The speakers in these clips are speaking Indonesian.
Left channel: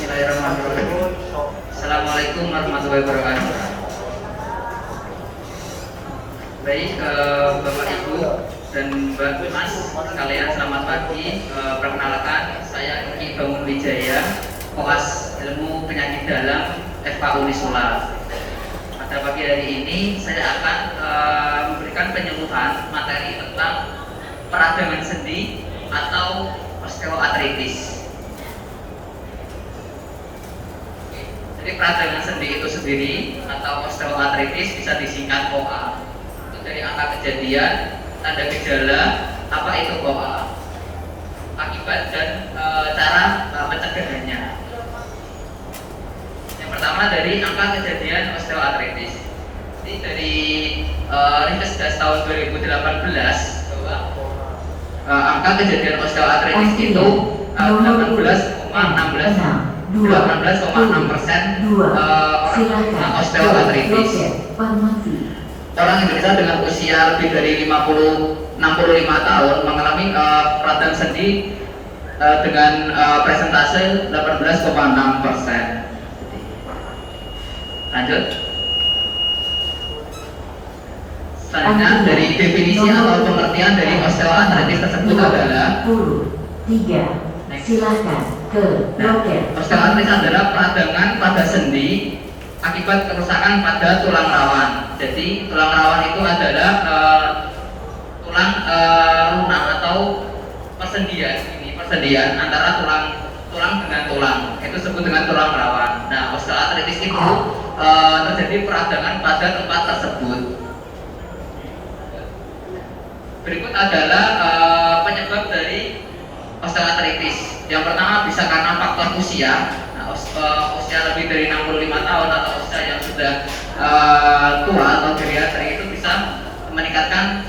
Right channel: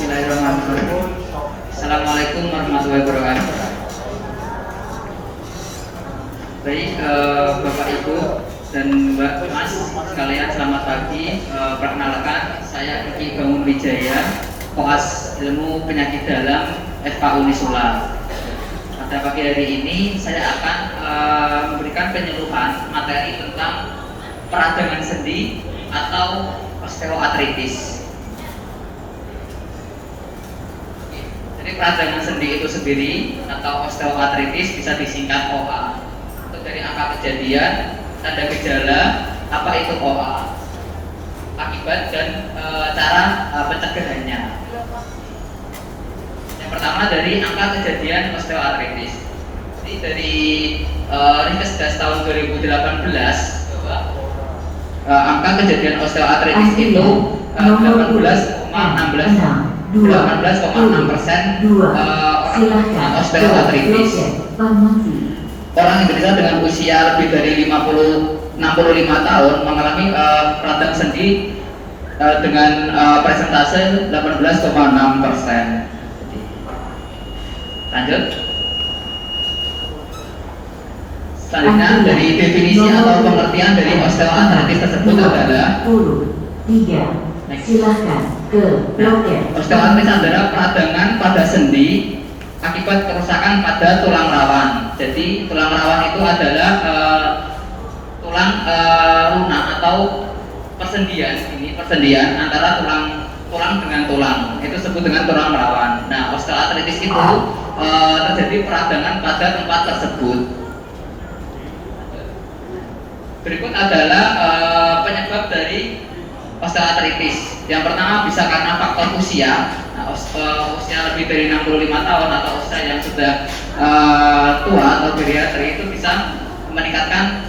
Bismillahirrahmanirrahim. Assalamualaikum warahmatullahi wabarakatuh. Baik, Bapak Ibu dan Mbak Mas sekalian, selamat pagi. Perkenalkan, saya Kiki Bangun Wijaya, koas ilmu penyakit dalam FK Unisula. Pada pagi hari ini saya akan memberikan penyuluhan materi tentang peradangan sendi atau osteoartritis. Jadi peradangan sendi itu sendiri atau osteoartritis bisa disingkat OA. Itu dari angka kejadian, tanda gejala, apa itu OA, akibat dan cara pencegahannya. Yang pertama dari angka kejadian osteoartritis. Ini dari Riskes tahun 2018 bahwa angka kejadian osteoartritis itu 18,6% orang osteoartritis. Orang Indonesia dengan usia lebih dari 65 tahun mengalami peradangan sendi dengan persentase 18,6%. Lanjut. Selanjutnya dari definisi atau pengertian dari osteoartritis tersebut adalah 3. Silakan ke loket. Osteoartritis adalah peradangan pada sendi akibat kerusakan pada tulang rawan. Jadi tulang rawan itu adalah tulang lunak atau persendian. Ini persendian antara tulang dengan tulang. Itu disebut dengan tulang rawan. Nah, osteoartritis itu terjadi peradangan pada tempat tersebut. Berikut adalah penyebab dari osteoartritis. Yang pertama bisa karena faktor usia. Nah, usia lebih dari 65 tahun atau usia yang sudah tua atau bariatri itu bisa meningkatkan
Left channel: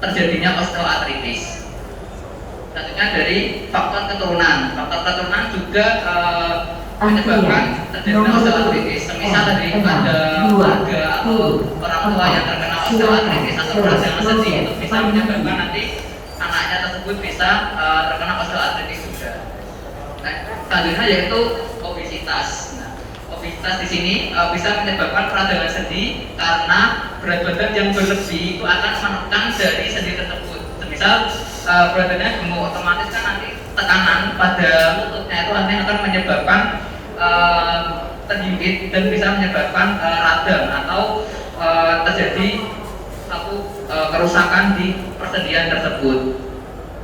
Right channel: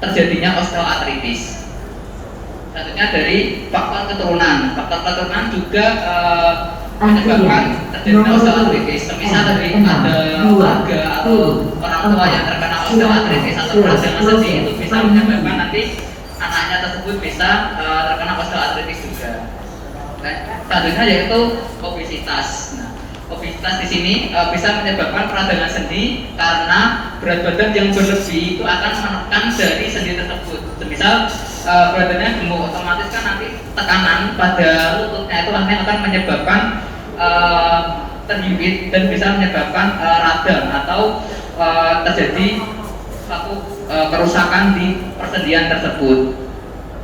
terjadinya osteoartritis. Selanjutnya dari faktor keturunan. Faktor keturunan juga menyebabkan terjadinya osteoartritis. Semisal dari ada keluarga atau orang tua yang terkena osteoartritis atau peradangan sendi, itu bisa menyebabkan nanti anaknya tersebut bisa terkena osteoartritis juga. Selanjutnya yaitu obesitas. Nah, obesitas di sini bisa menyebabkan peradangan sendi karena berat badan yang berlebih itu akan menekan dari sendi tersebut. Semisal badannya gemuk, otomatis kan nanti tekanan pada lututnya itu akan menyebabkan terhimpit dan bisa menyebabkan radang atau terjadi suatu kerusakan di persendian tersebut.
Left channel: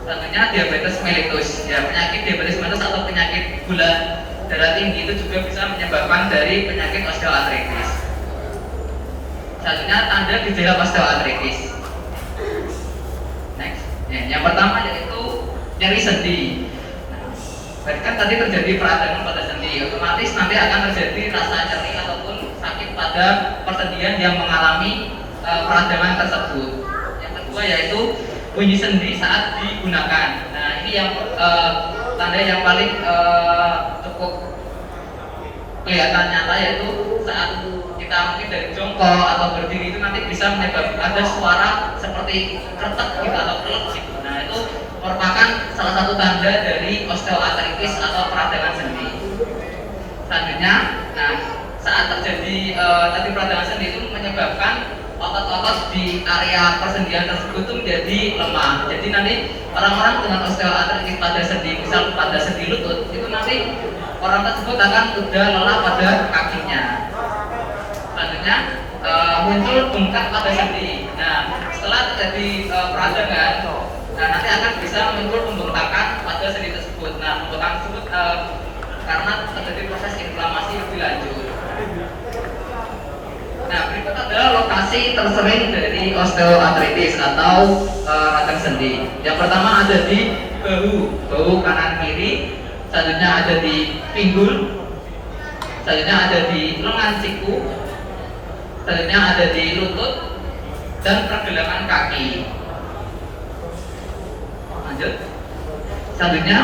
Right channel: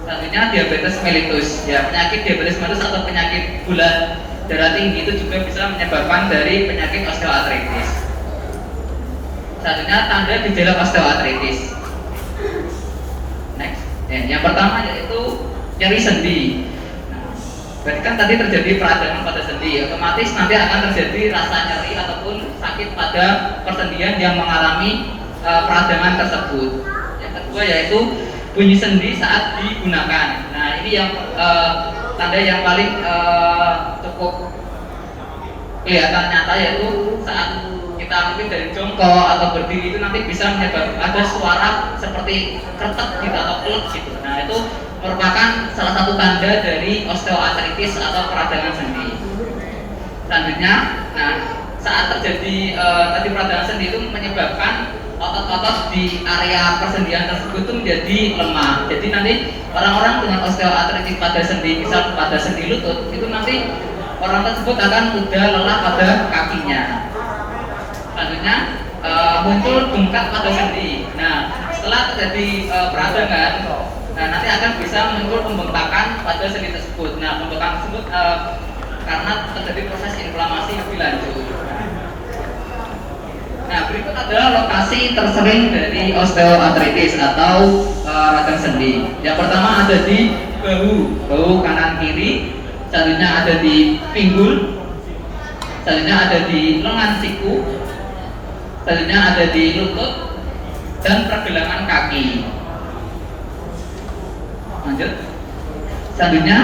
Selanjutnya diabetes mellitus. Ya, penyakit diabetes mellitus atau penyakit gula darah tinggi itu juga bisa menyebabkan dari penyakit osteoartritis. Selanjutnya tanda gejala osteoartritis. Next. Ya, yang pertama yaitu nyeri sendi. Nah, berarti kan tadi terjadi peradangan pada sendi, otomatis nanti akan terjadi rasa nyeri ataupun sakit pada persendian yang mengalami peradangan tersebut. Yang kedua yaitu bunyi sendi saat digunakan. Nah, ini yang tanda yang paling cukup kelihatan nyata yaitu saat kita mungkin dari jongkok atau berdiri itu nanti bisa menyebabkan ada suara seperti kretek gitu atau klek gitu. Nah, itu merupakan salah satu tanda dari osteoartritis atau peradangan sendi. Selanjutnya, nah, saat terjadi tadi peradangan sendi itu menyebabkan otot-otot di area persendian tersebut itu menjadi lemah. Jadi nanti orang-orang dengan osteoartritis pada sendi, misal pada sendi lutut, itu nanti orang tersebut akan mudah lelah pada kakinya. Selanjutnya muncul bengkak pada sendi. Nah, setelah terjadi peradangan, nah nanti akan bisa muncul pembengkakan pada sendi tersebut. Nah, pembengkakan tersebut karena terjadi proses inflamasi lebih lanjut. Nah, berikut adalah lokasi tersering dari osteoartritis atau radang sendi. Yang pertama ada di bahu kanan kiri, selanjutnya ada di pinggul, selanjutnya ada di lengan siku, selanjutnya ada di lutut dan pergelangan kaki. Lanjut. Selanjutnya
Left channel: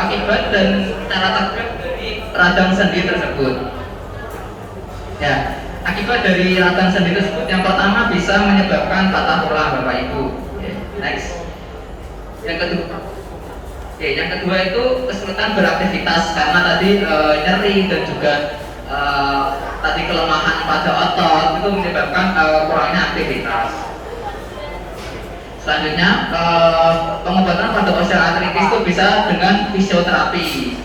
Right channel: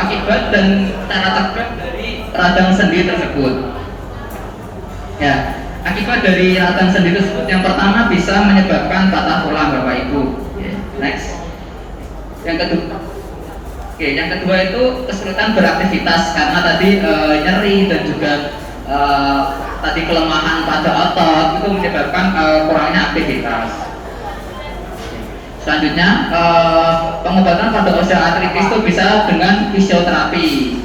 akibat dan cara tegak dari radang sendi tersebut. Ya. Akibat dari radang sendi tersebut yang pertama bisa menyebabkan patah tulang Bapak Ibu. Next. Yang kedua Oke, yang kedua itu kesulitan beraktivitas karena tadi nyeri dan juga tadi kelemahan pada otot itu menyebabkan kurangnya aktivitas. Selanjutnya pengobatan pada osteoartritis itu bisa dengan fisioterapi.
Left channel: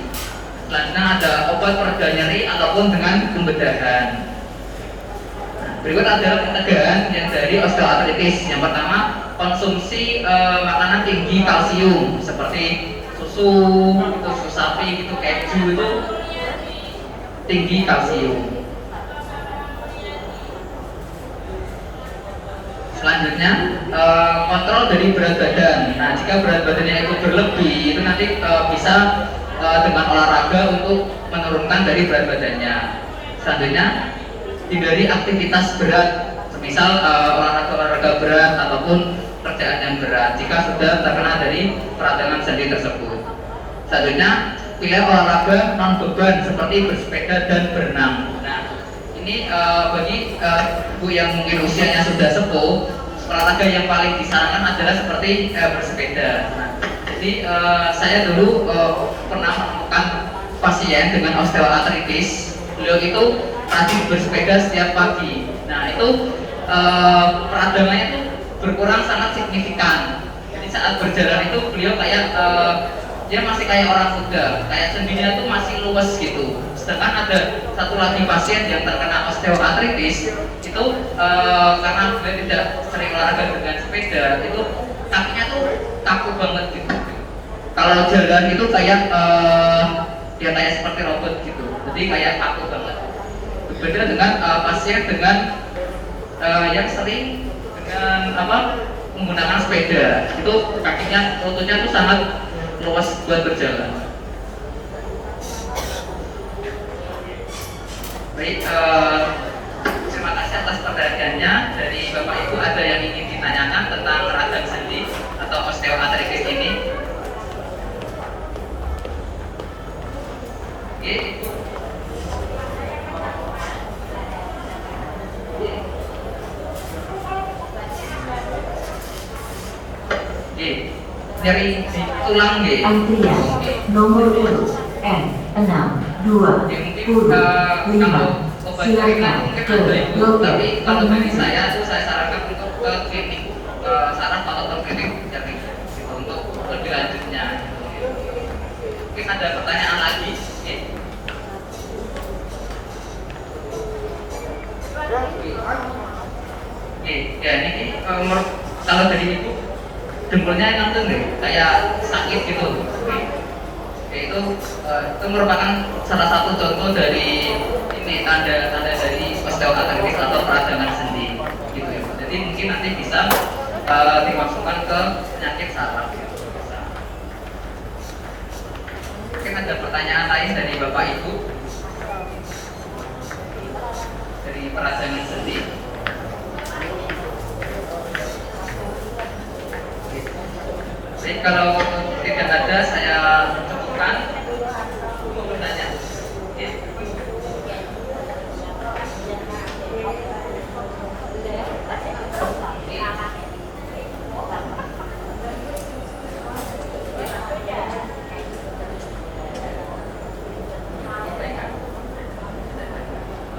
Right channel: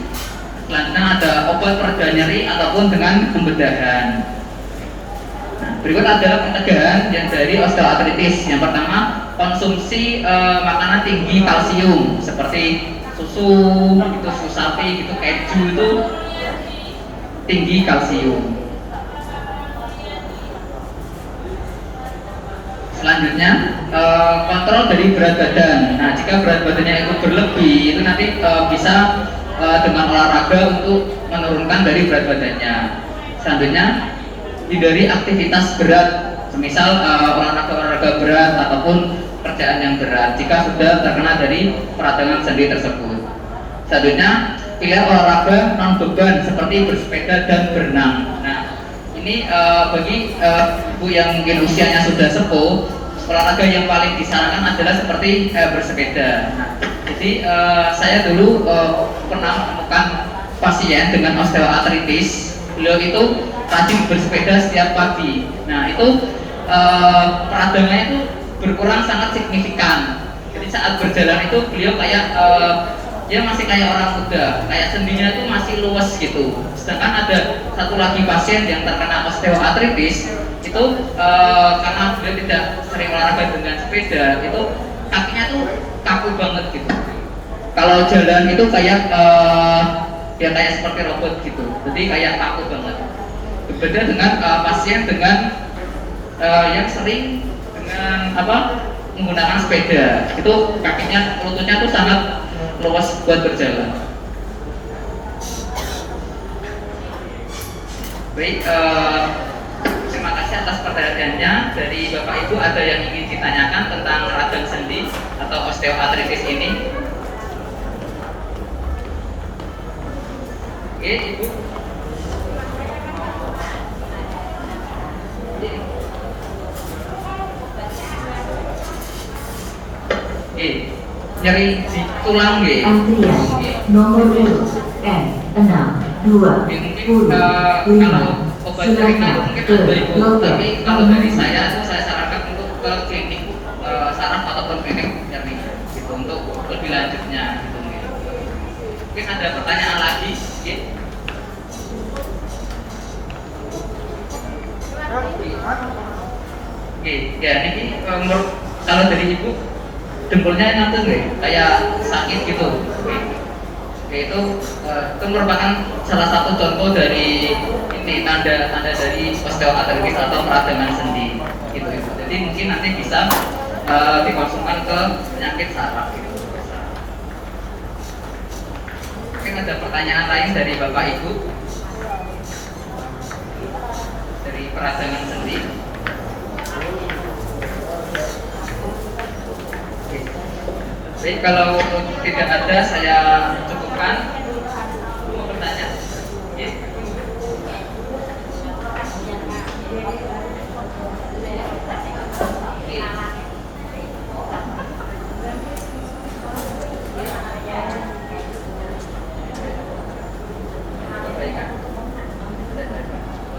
Selanjutnya ada obat pereda nyeri ataupun dengan pembedahan. Berikut adalah pencegahan yang dari osteoartritis. Yang pertama, konsumsi makanan tinggi kalsium seperti susu, itu susu sapi, itu keju itu tinggi kalsium. Selanjutnya kontrol dari berat badan. Nah, jika berat badannya itu berlebih, itu nanti bisa dengan olahraga untuk menurunkan dari berat badannya. Selanjutnya hindari aktivitas berat, misal olahraga berat ataupun pekerjaan yang berat jika sudah terkena dari peradangan sendi tersebut. Selanjutnya pilih olahraga non beban seperti bersepeda dan berenang. Nah, ini bagi ibu yang mungkin usianya sudah sepuh, olahraga yang paling disarankan adalah seperti bersepeda. Jadi saya dulu pernah menemukan pasien dengan osteoartritis. Beliau itu rajin bersepeda setiap pagi. Nah, itu peradangannya itu berkurang sangat signifikan. Jadi saat berjalan itu beliau kayak dia masih kayak orang muda, kayak sendinya itu masih luas gitu. Sedangkan ada satu lagi pasien yang terkena osteoartritis itu karena beliau tidak sering olahraga dengan sepeda, itu kakinya tuh kaku banget gitu. Kalau jalan itu kayak ya kayak seperti robot gitu, jadi kayak kaku banget. Berbeda dengan pasien dengan yang sering dengan menggunakan sepeda, itu kakinya, lututnya tuh sangat luas buat berjalan. Baik, terima kasih atas perhatiannya. Dari Bapak Ibu ada yang ingin ditanyakan tentang radang sendi atau osteoartritis ini? Oke, Ibu. Nyeri di tulang nggih. Antrian nomor urut N620. Kalau obat Silakan mungkin ke ada Ibu, loket. tapi kalau dari saya itu saya sarankan untuk ke klinik saraf ataupun klinik nyeri gitu, untuk lebih lanjutnya. Mungkin ada pertanyaan lagi sedikit. Oke, ya ini kalau dari Ibu jempolnya langsung deh, kayak sakit gitu. Oke, itu merupakan salah satu contoh dari ini tanda dari osteoartritis atau peradangan sendi gitu Ibu. Jadi mungkin nanti bisa dimasukkan ke penyakit saraf gitu. Mungkin ada pertanyaan lain dari Bapak Ibu dari peradangan sendi. Jadi kalau tidak ada, saya cukupkan. Mau bertanya?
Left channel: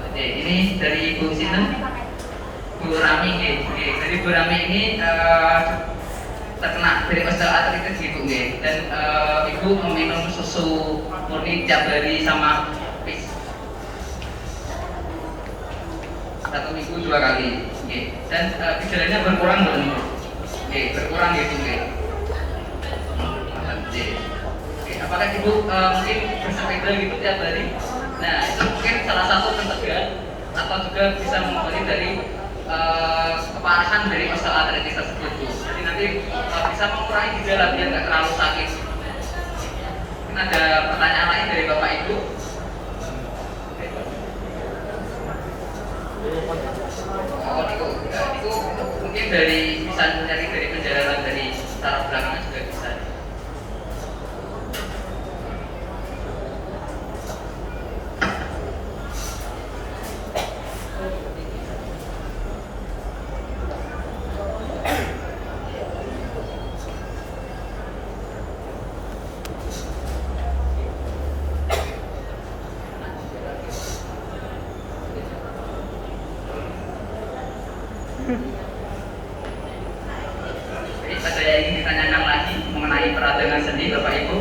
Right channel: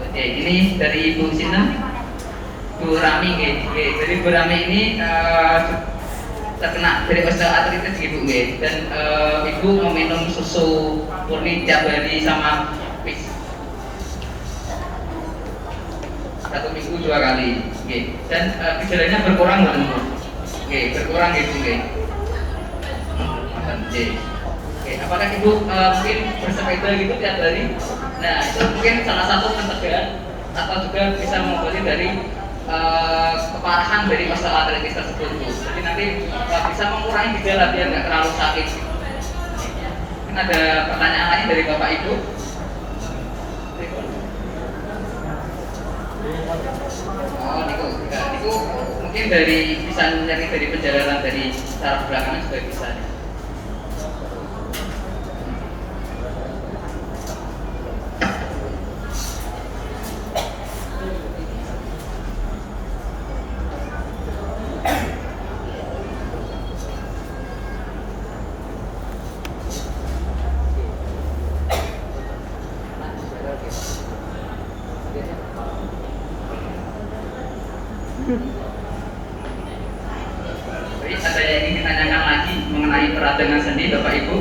Oke, ini dari Ibu Sina, Bu Rami. Dari Bu Rami ini terkena dari osteoartritis gitu nggih, dan ibu meminum susu murni tiap hari sama fix 1 minggu 2 kali nggih, dan gejalanya berkurang nggih Bu? Nggih, berkurang gitu nggih. Apakah ibu mungkin bersepeda gitu tiap hari? Nah, itu mungkin salah satu pencegahan atau juga bisa mengobati dari keparahan dari osteoartritis tersebut Bu. Jadi nanti bisa mengurangi gejala biar nggak terlalu sakit. Mungkin ada pertanyaan lain dari Bapak Ibu? Oh, itu mungkin dari bisa nyari dari perjalanan dari saraf belakangnya juga bisa. Baik, ada yang ingin ditanyakan lagi mengenai peradangan sendi, Bapak Ibu?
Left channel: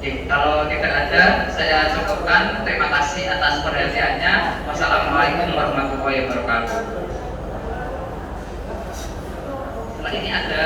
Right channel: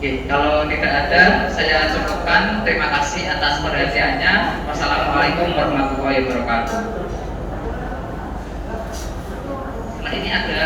Oke, kalau tidak ada, saya cukupkan. Terima kasih atas perhatiannya. Wassalamualaikum warahmatullahi wabarakatuh.